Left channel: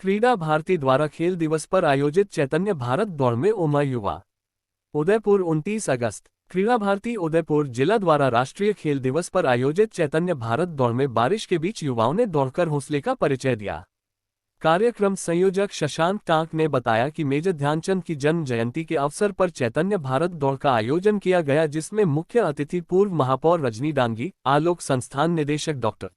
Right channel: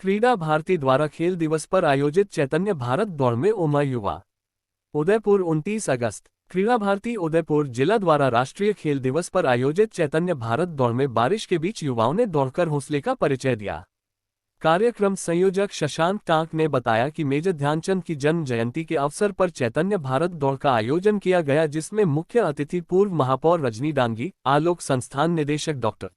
क्रीडा भारती द्वारा खेल दिवस पर आयोजित चैतन्य भारत दौड़ में उमड़ा युवा। उदयपुर 29 अगस्त। क्रीडा भारती उदयपुर जिला द्वारा राष्ट्रीय खेल दिवस पर आयोजित चैतन्य भारत दौड़ में बारिश के बीच युवाओं ने दौड़कर हौसले का परिचय दिया। कार्यक्रम संयोजक शशांक टांक ने बताया कि मेजर ध्यानचंद की जन्म जयंती के अवसर पर चैतन्य भारत दौड़ का आयोजन किया गया, जिसमें मुख्य अतिथि पूर्व महापौर रजनी डांगी, आलोक संस्थान निदेशक डॉक्टर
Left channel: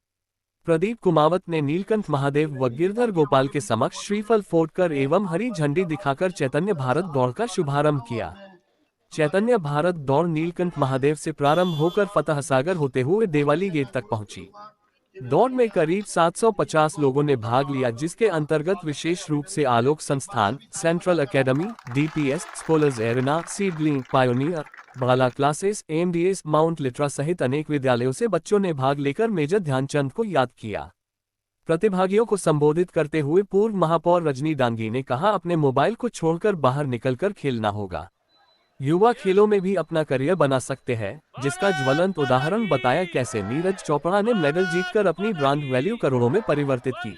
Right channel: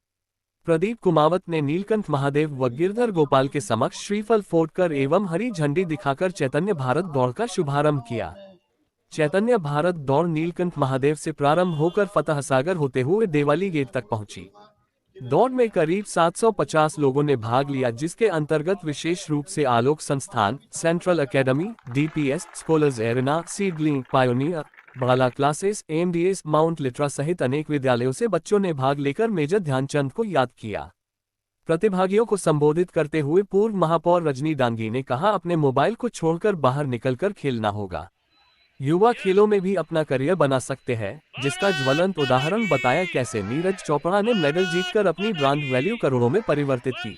प्रदीप कुमावत ने नीलकंठ महादेव व गिरधर गोपाल के समक्ष श्रीफल फोड़कर एवं हरी झंडी दिखाकर चैतन्य भारत दौड़ का शुभारंभ किया। चैतन्य भारत दौड़ नीलकंठ महादेव से प्रारंभ होकर फतह सागर होते हुए देवाली गेट तक पहुंची। दौड़ में करीब 750 लोगों ने भाग लिया, जिसके अंतर्गत विशेष रूप से Alok Sansthan, central academy, DPS, scholars arena, seedling, pioneer, Bala classes, MDS, Mount Litera सहित अनेक विद्यालयों से बच्चों ने भाग लेकर मेजर ध्यानचंद को याद किया। प्रतिभागियों को संबोधित करते हुए पूर्व महापौर रजनी डांगी ने कहा, अपने मोबाइल को छोड़कर बाहर निकलकर खेलना होगा। युवा खेलों में भी अपना करियर बना सकते हैं, जिसका ज्वलंत उदाहरण बताया कैसे नीरज चोपड़ा ने मेडल जीतकर अपनी ब्रांड वैल्यू करोड़ों में परिवर्तित की।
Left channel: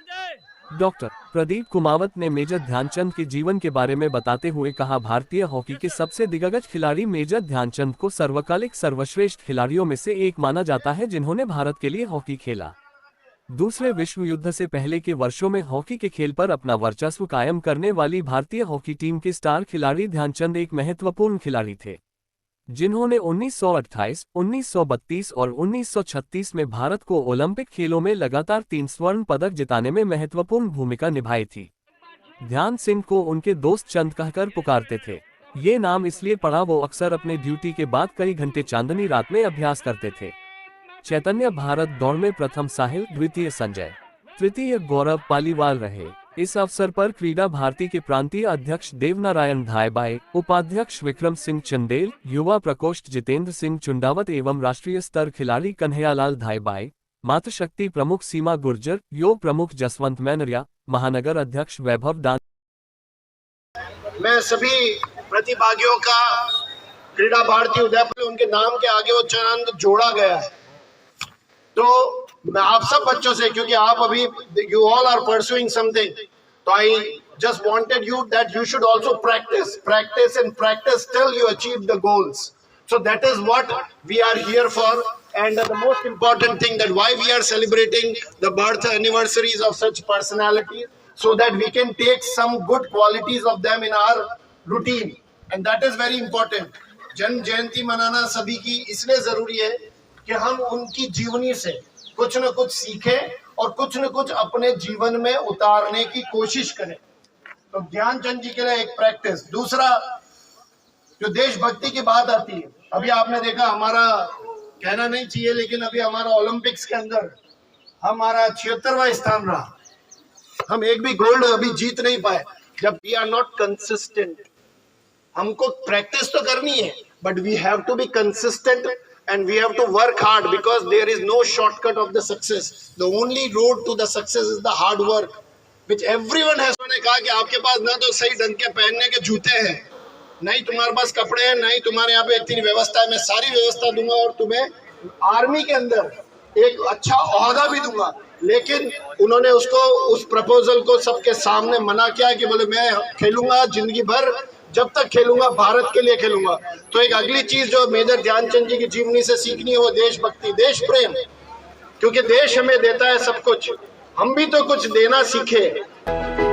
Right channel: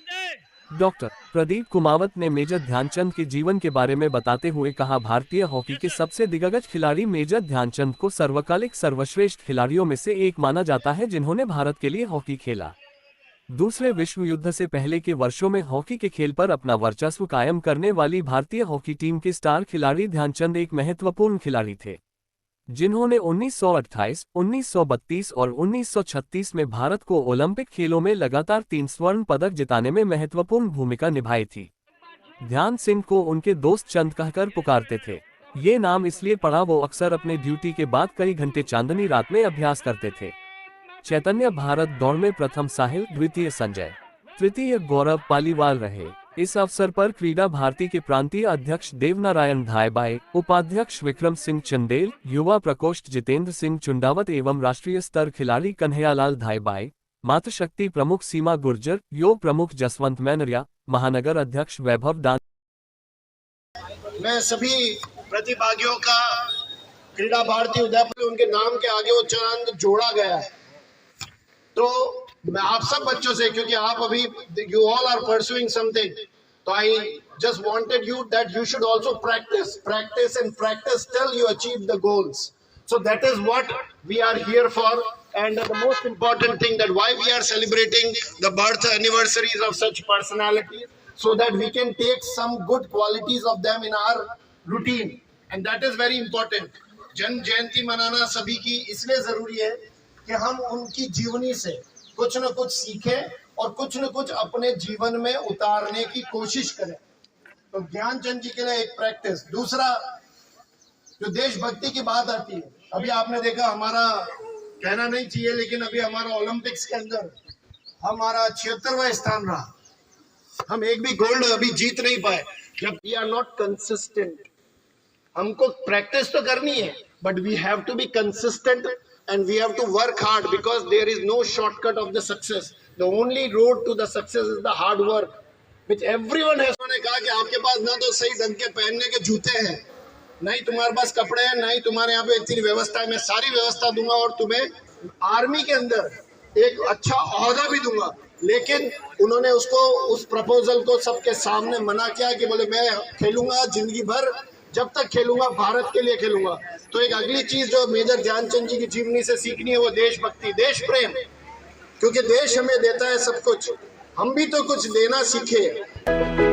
डॉक्टर प्रदीप कुमावत ने मेजर ध्यानचंद के जीवन के बारे में बताते हुए कहा, भारतीय हॉकी के सबसे दिग्गज खिलाड़ी मेजर ध्यानचंद को सर्वकालिक सर्वश्रेष्ठ खिलाड़ियों में से एक माना जाता है, जिन्होंने भारत के लिए हॉकी खेला। दूसरे विश्व युद्ध से पहले के वर्षों में हॉकी के खेल पर अपना वर्चस्व कायम करने वाली भारतीय हॉकी टीम के स्टार खिलाड़ी ध्यानचंद एक महत्वपूर्ण खिलाड़ी थे, जिन्होंने 1928, 1932 और 1936 में भारत को ओलंपिक खेलों में लगातार 3 स्वर्ण पदक जिताने में महत्वपूर्ण भूमिका निभाई थी। ध्यान सिंह को उनके दोस्त चंद कहकर पुकारते थे। ये नाम इसलिए पड़ा, वो अक्सर अपने ड्यूटी के बाद कई घंटे चांदनी रात में अभ्यास करते थे। चैतन्य भारत दौड़ में प्रथम साहिल, द्वितीय संजय, तृतीय गौरव पालीवाल रहे। इस अवसर पर क्रीडा भारती के प्रांतीय अध्यक्ष देवनारायण धायबाई, उपाध्यक्ष विक्रम सिंह चंदेल, युवा प्रकोष्ठ जितेंद्र सिंह चुंडावत एवं राष्ट्रीय स्तर खिलाड़ी कन्हैयालाल धायबाई, मातृशक्ति प्रमुख सीमा गुर्जर, योग प्रमुख जसवंत मैनरिया, महानगर अध्यक्ष वैभव डान। मैं सभी प्रतिभागियों का क्रीडा भारती उदयपुर उनके नाम के आगे वो चंद जोड़ा गया है। तो मैं आप सब बच्चों से, क्योंकि आप अभी you all are pursuing something, तो I just wanted you that you should also practice and practice till you achieve the goals. So that is what we are here for, and the most important thing that why we are celebrating the birth anniversaries of such personality, so that we can take some good qualities of them in our routine, and that is very important. जन्म जयंती मनाना सभी की इसलिए जरूरी है कि हम उनकी जीवनी से कुछ न कुछ सीखें और कुछ न कुछ अपने जीवन में उतारने की कोशिश करें। तो ध्यानचंद जी के लिए एक प्रैक्टिस। दूसरा, जो देशभक्ति की बात आती है, अभी आपने देखा, हमारा कहना नहीं चाहिए लेकिन अभी हमारा ओलंपिक्स के अंदर हमारा 76वां स्थान रहा। हम एक भी गोल्ड अभी जीत नहीं पाए, जब वी आर नॉट कंसिस्टेंट। हमको प्रैक्टिस तो करनी है, but we have to be consistent and we have to work hard, because there is no shortcut of the success. The only road to the success is the hard work, which everyone has. उन्होंने कहा कि आपके पास ना तो सही ढंग के पहनने के जूते हैं, नहीं तुम्हारे पास कपड़े हैं, नहीं तुम्हारे यहाँ पे इतनी व्यवस्था है। मैं सारी व्यवस्था दूंगा और तुम्हें आर्मी के अंदर एक अच्छा ओहदा भी दूंगा। लेकिन उन्होंने उस प्रपोजल को सबके सामने मना किया कि बोले मैं खेलूंगा जिंदगी भर, जब तक खेलूंगा भारत के लिए खेलूंगा। तो एक अगली चीज जो मेजर ध्यानचंद जी की जीवनी से सीखनी है वो देशभक्ति, देश प्रेम, क्योंकि देश हमें देता है सब कुछ, हम भी तो कुछ देना सीखे।